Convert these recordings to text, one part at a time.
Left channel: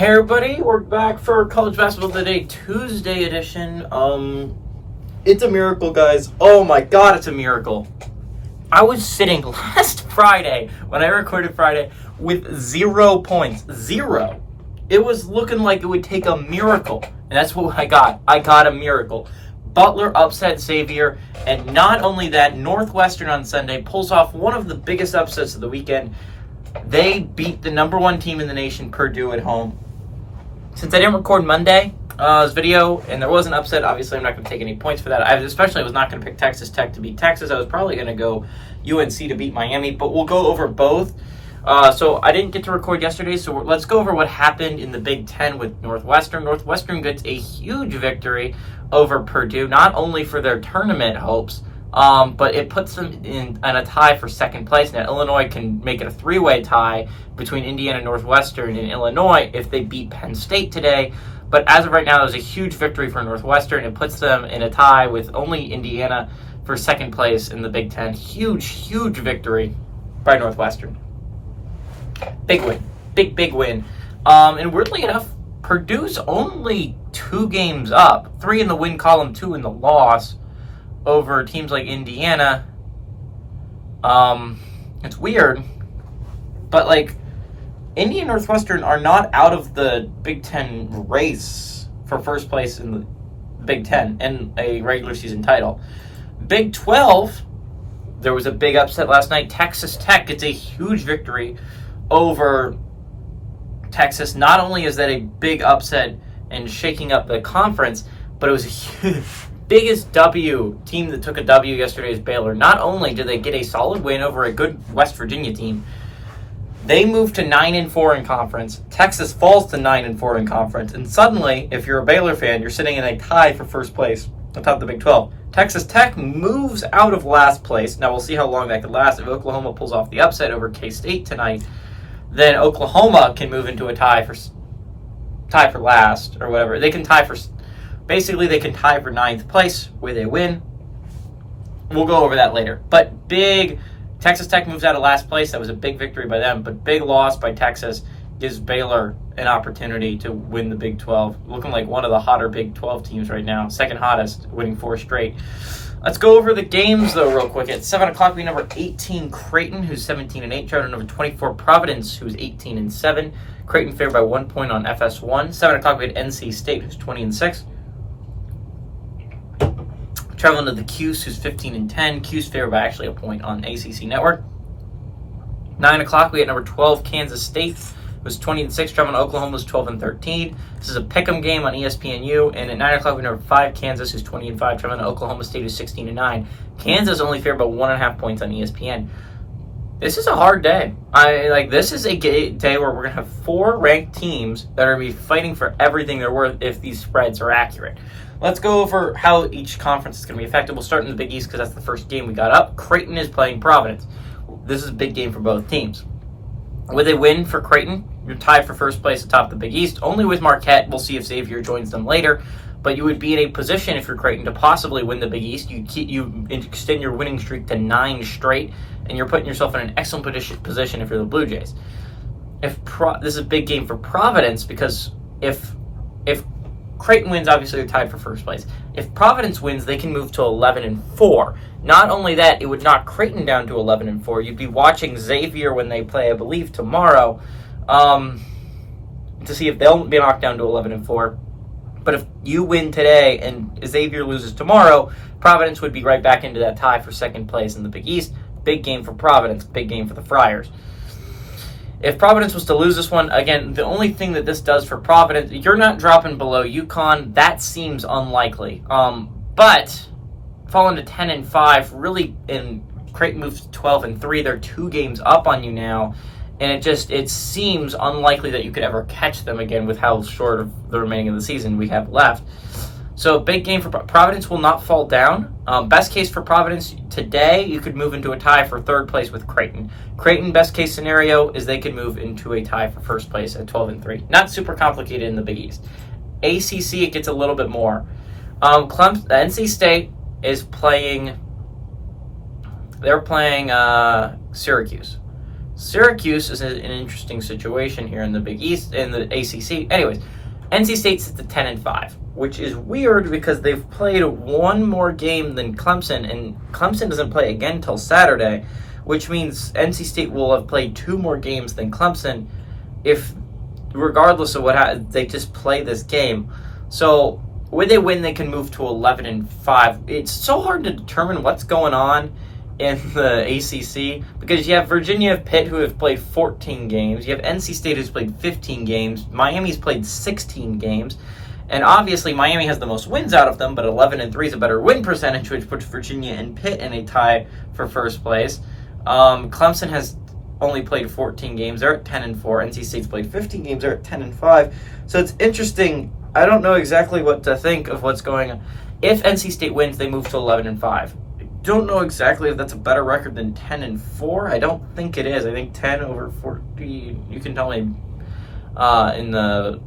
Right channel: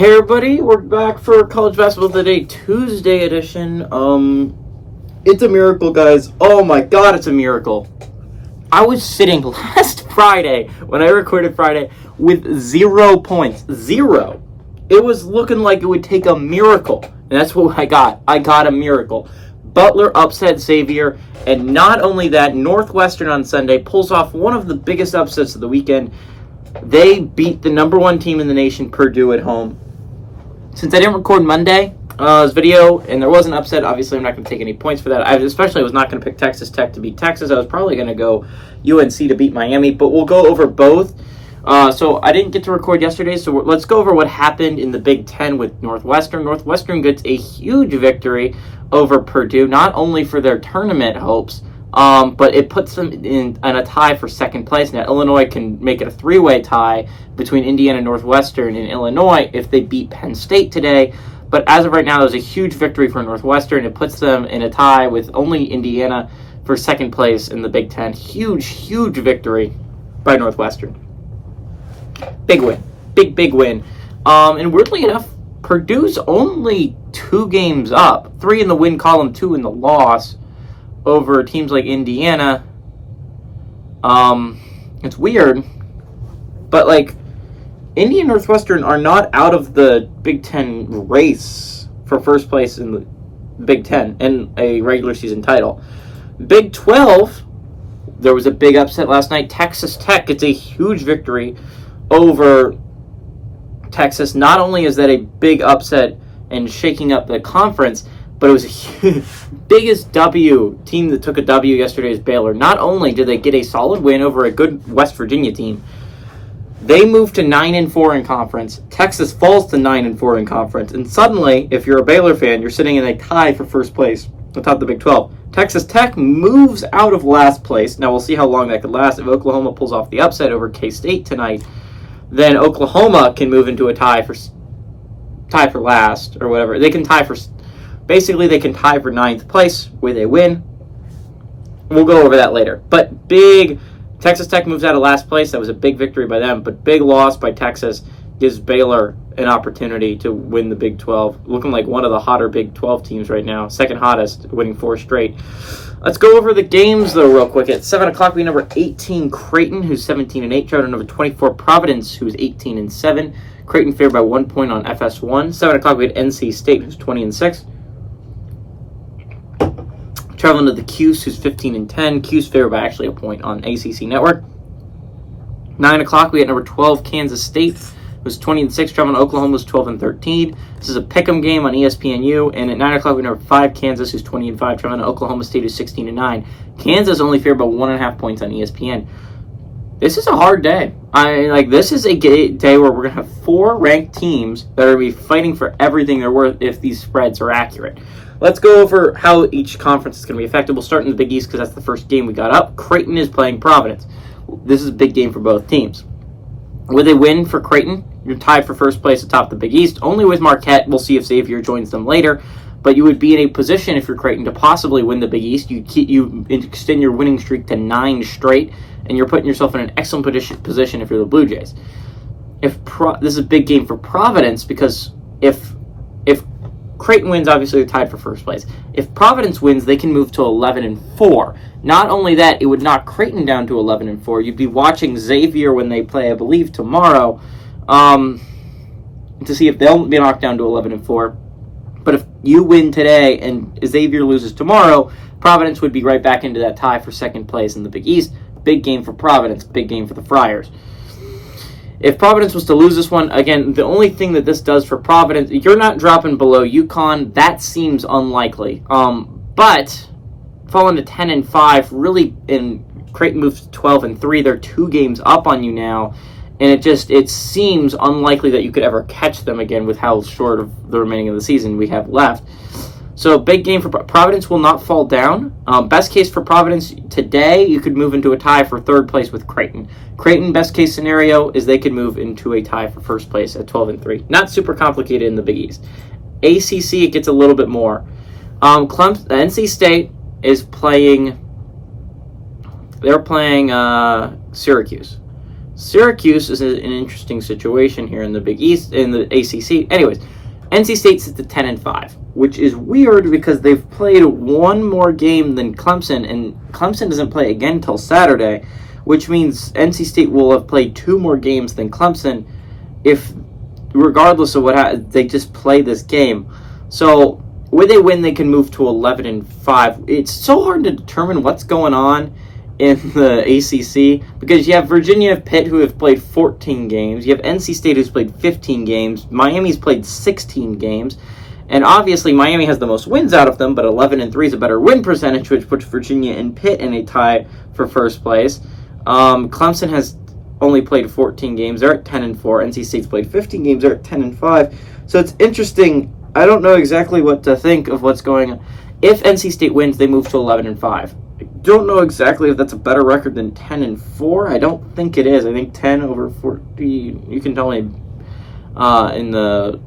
Hey everybody, we're back for College Basketball Today Tuesday edition. It's a miracle, guys. Oh my god, it's a miracle. I was sitting last Friday, when I recorded Friday, with 0 points. Zero. It was looking like it would take a miracle. And that's what I got. I got a miracle. Butler upset Xavier, and not only that, Northwestern on Sunday pulls off one of the biggest upsets of the weekend. They beat the number one team in the nation, Purdue, at home. Since I didn't record Monday's video, and there was an upset, obviously I'm not going to take any points for that. I especially was not going to pick Texas Tech to beat Texas. I was probably going to go UNC to beat Miami, but we'll go over both. So I didn't get to record yesterday, so let's go over what happened in the Big Ten with Northwestern. Northwestern gets a huge victory over Purdue, not only for their tournament hopes, but it puts them in a tie for second place. Now, Illinois can make it a three-way tie between Indiana, Northwestern, and Illinois if they beat Penn State today. But as of right now, it was a huge victory for Northwestern. It puts them in a tie with only Indiana for second place in the Big Ten. Huge, huge victory by Northwestern. Big win. Big win. And weirdly enough, Purdue's only 2 games up. 3 in the win column, 2 in the loss over teams like Indiana. It's weird, but Indiana and Northwestern are not out of the Big Ten race for first place in the Big Ten and a regular season title. Big 12, there was a big upset last night. Texas Tech gets a huge victory over Texas. Not only is that a big upset and shaking up the conference, but it was a biggest W. Team that took a W yesterday is Baylor. Not only did they get a solid win over a good West Virginia team, they moved to 9-4 in conference. Texas falls to 9-4 in conference. And suddenly, if you're a Baylor fan, you're sitting in a tie for first place atop the Big 12. Texas Tech moves out of last place. Now, we'll see how long that could last. If Oklahoma pulls off the upset over K-State tonight, then Oklahoma can move into a tie for last or whatever. They can tie for... Basically, they can tie for 9th place with a win. We'll go over that later. But big, Texas Tech moves out of last place. That was a big victory by them. But big loss by Texas gives Baylor an opportunity to win the Big 12. Looking like one of the hotter Big 12 teams right now. Second hottest, winning 4 straight. Let's go over the games, though, real quick. At 7 o'clock, we have number 18, Creighton, who's 17-8. Traveled to number 24, Providence, who's 18-7. Creighton favored by 1 point on FS1. 7 o'clock, we had NC State, who's 20-6. Traveling to the Cuse, who's 15-10. Cuse favored by actually a point on ACC Network. 9 o'clock, we had number 12, Kansas State, who's 20-6. Traveling to Oklahoma, who's 12-13. This is a pick'em game on ESPNU. And at 9 o'clock, we have number 5, Kansas, who's 20-5. Traveling to Oklahoma State, who's 16-9. Kansas only favored by 1.5 points on ESPN. This is a hard day. This is a day where we're going to have 4 ranked teams that are going to be fighting for everything they're worth if these spreads are accurate. Let's go over how each conference is going to be affected. We'll start in the Big East because that's the first game we got up. Creighton is playing Providence. This is a big game for both teams. With a win for Creighton, you're tied for first place atop the Big East. Only with Marquette. We'll see if Xavier joins them later. But you would be in a position, if you're Creighton, to possibly win the Big East. You extend your winning streak to 9 straight, and you're putting yourself in an excellent position if you're the Blue Jays. This is a big game for Providence because if Creighton wins, obviously they're tied for first place. If Providence wins, they can move to 11-4. Not only that, it would knock Creighton down to 11-4. You'd be watching Xavier when they play, I believe, tomorrow, to see if they'll be knocked down to 11-4. But if you win today and Xavier loses tomorrow, Providence would be right back into that tie for second place in the Big East. Big game for Providence, big game for the Friars. If Providence was to lose this one, again, the only thing that this does for Providence, you're not dropping below UConn. That seems unlikely. But falling to 10-5, really, and Creighton moves to 12-3. They're 2 games up on you now. And it seems unlikely that you could ever catch them again with how short of the remaining of the season we have left. So big game for Providence will not fall down. Best case for Providence today, you could move into a tie for third place with Creighton. Creighton, best case scenario is they could move into a tie for first place at 12-3. Not super complicated in the Big East. ACC, it gets a little bit more. NC State is playing. They're playing Syracuse. Syracuse is an interesting situation here in the Big East, in the ACC. Anyways, NC State sits at 10-5, which is weird because they've played one more game than Clemson, and Clemson doesn't play again until Saturday, which means NC State will have played 2 more games than Clemson if, regardless of what they just play this game. So when they win, they can move to 11-5. It's so hard to determine what's going on in the ACC because you have Virginia and Pitt who have played 14 games. You have NC State who's played 15 games. Miami's played 16 games. And obviously Miami has the most wins out of them, but 11-3 is a better win percentage, which puts Virginia and Pitt in a tie for first place. Clemson has only played 14 games. They're at 10-4. NC State's played 15 games. They're at 10-5. So it's interesting. I don't know exactly what to think of what's going on. If NC State wins, they move to 11-5. I don't know exactly if that's a better record than 10-4. I don't think it is. I think 10 over 40. You can tell me in the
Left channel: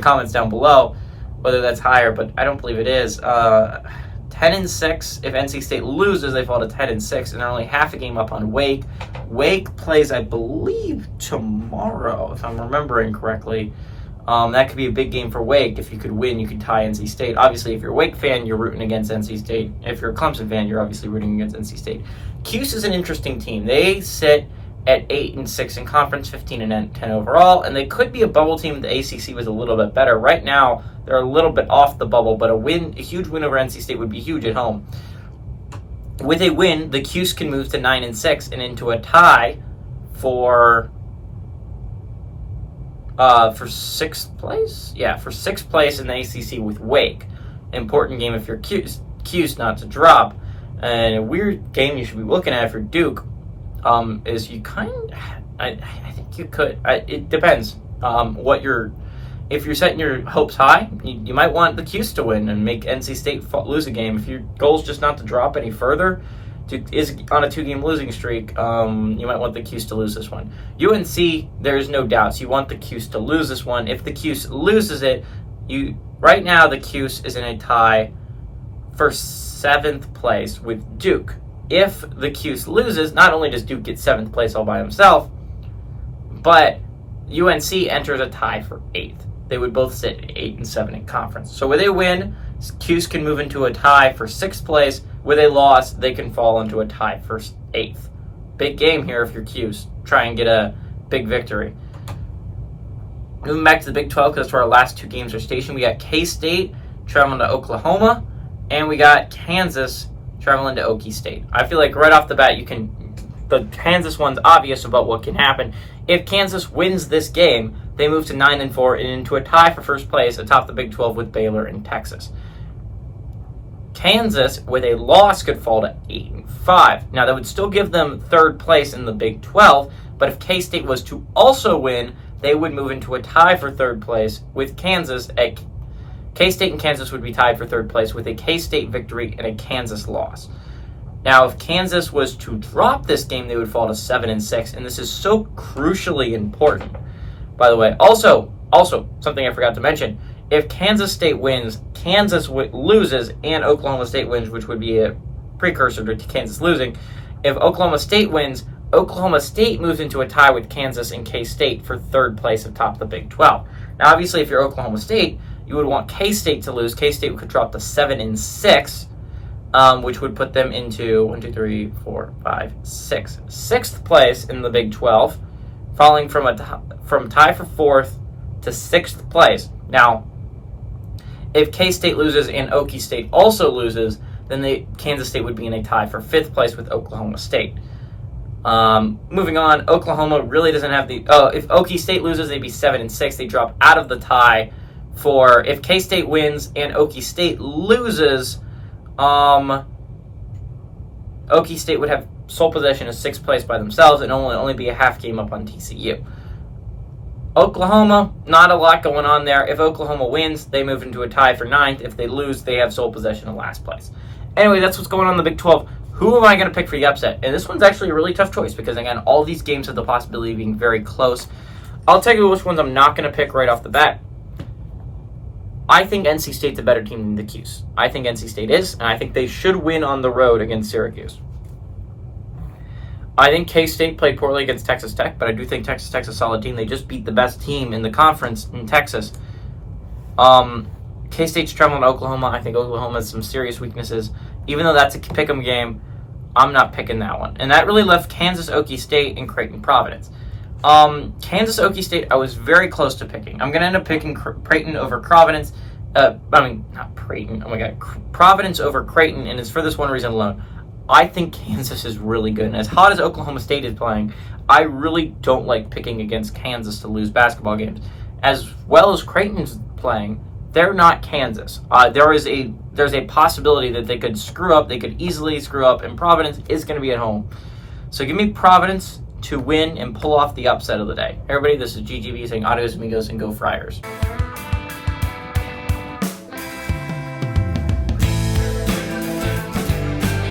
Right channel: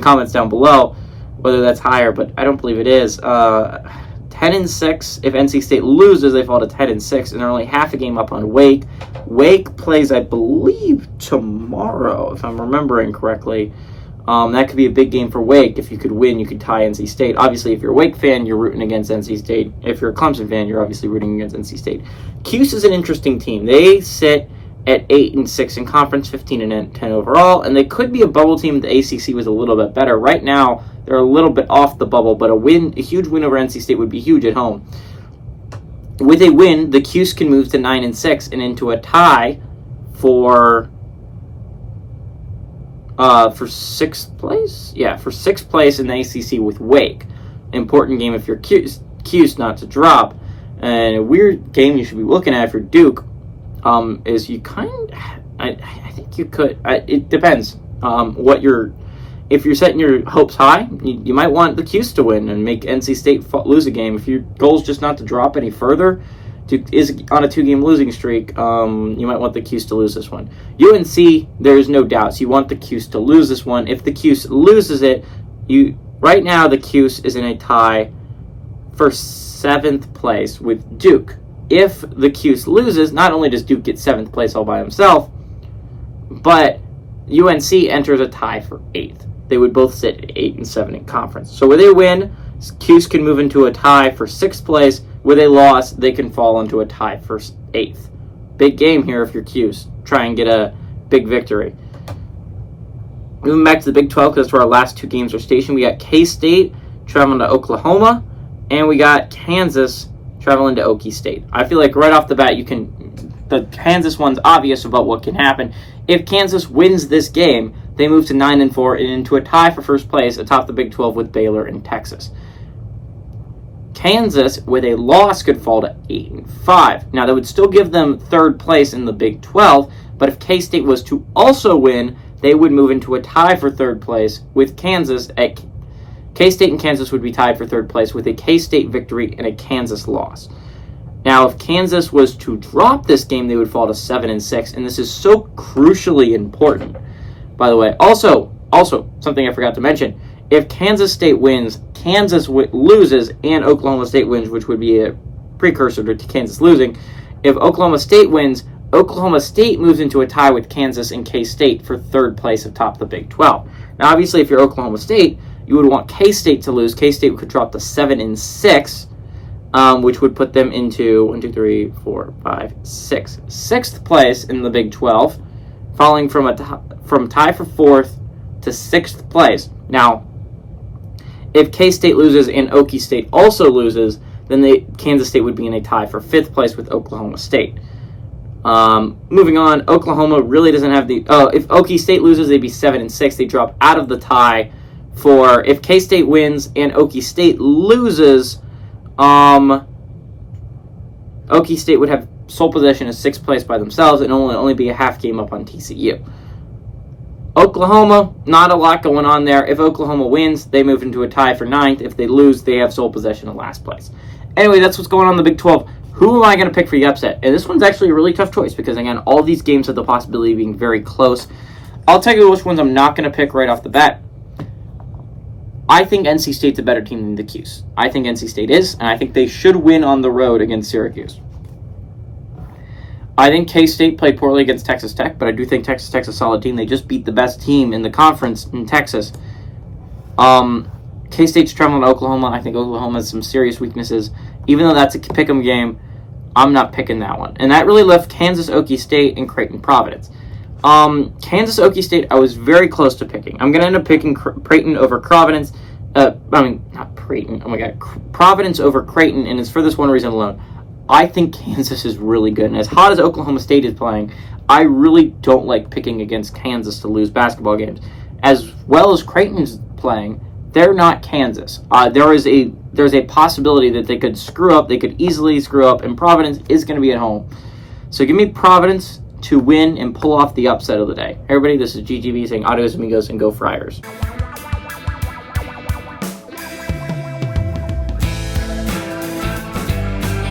comments down below whether that's higher, but I don't believe it is. 10-6. If NC State loses, they fall to 10-6, and they're only half a game up on Wake. Wake plays, I believe, tomorrow, if I'm remembering correctly. That could be a big game for Wake. If you could win, you could tie NC State. Obviously, if you're a Wake fan, you're rooting against NC State. If you're a Clemson fan, you're obviously rooting against NC State. Cuse is an interesting team. They sit at 8-6 in conference, 15-10 overall, and they could be a bubble team if the ACC was a little bit better. Right now, they're a little bit off the bubble, but a huge win over NC State would be huge at home. With a win, the Cuse can move to 9-6 and into a tie for 6th place? Yeah, for 6th place in the ACC with Wake. Important game if you're Cuse not to drop. And a weird game you should be looking at if you're Duke is you I think you could. It depends if you're setting your hopes high, you might want the Cuse to win and make NC State lose a game. If your goal is just not to drop any further, is on a 2-game losing streak, you might want the Cuse to lose this one. UNC, there is no doubt. So you want the Cuse to lose this one. If the Cuse loses it, right now the Cuse is in a tie for 7th place with Duke. If the Cuse loses, not only does Duke get 7th place all by himself, but UNC enters a tie for 8th. They would both sit at 8-7 in conference. So where they win, Cuse can move into a tie for 6th place. Where they loss, they can fall into a tie for 8th. Big game here if you're Cuse. Try and get a big victory. Moving back to the Big 12, because that's where our last 2 games are stationed. We got K-State traveling to Oklahoma, and we got Kansas traveling to Okie State. I feel like right off the bat, the Kansas one's obvious about what can happen. If Kansas wins this game, they move to 9-4 and into a tie for first place atop the Big 12 with Baylor and Texas. Kansas, with a loss, could fall to 8-5. Now, that would still give them 3rd place in the Big 12, but if K-State was to also win, they would move into a tie for 3rd place with Kansas. K-State and Kansas would be tied for 3rd place with a K-State victory and a Kansas loss. Now, if Kansas was to drop this game, they would fall to 7-6, and this is so crucially important. By the way, also something I forgot to mention, if Kansas State wins, Kansas loses, and Oklahoma State wins, which would be a precursor to Kansas losing. If Oklahoma State wins, Oklahoma State moves into a tie with Kansas and K-State for 3rd place atop the Big 12. Now, obviously, if you're Oklahoma State, you would want K-State to lose. K-State could drop to 7-6, which would put them into 6th place in the Big 12, falling from tie for 4th to 6th place. Now, if K-State loses and Okie State also loses, then Kansas State would be in a tie for 5th place with Oklahoma State. Moving on, Oklahoma really doesn't have if Okie State loses, they'd be 7-6. They drop out of the tie for if K-State wins and Okie State loses. Okie State would have sole possession of 6th place by themselves and only be a half game up on TCU. Oklahoma, not a lot going on there. If Oklahoma wins, they move into a tie for 9th. If they lose, they have sole possession of last place. Anyway, that's what's going on in the Big 12. Who am I going to pick for the upset? And this one's actually a really tough choice because, again, all these games have the possibility of being very close. I'll tell you which ones I'm not going to pick right off the bat. I think NC State's a better team than the Cuse. I think NC State is, and I think they should win on the road against Syracuse. I think K-State played poorly against Texas Tech, but I do think Texas Tech's a solid team. They just beat the best team in the conference in Texas. K-State's traveling to Oklahoma. I think Oklahoma has some serious weaknesses. Even though that's a pick'em game, I'm not picking that one. And that really left Kansas, Okie State, and Creighton, Providence. Kansas, Okie State, I was very close to picking. I'm going to end up picking Creighton over Providence. Not Creighton. Oh my God. Providence over Creighton, and it's for this one reason alone. I think Kansas is really good. And as hot as Oklahoma State is playing, I really don't like picking against Kansas to lose basketball games. As well as Creighton's playing, they're not Kansas. There's a possibility that they could screw up. They could easily screw up, and Providence is going to be at home. So give me Providence to win and pull off the upset of the day. Everybody, this is GGV saying adios amigos and go Friars.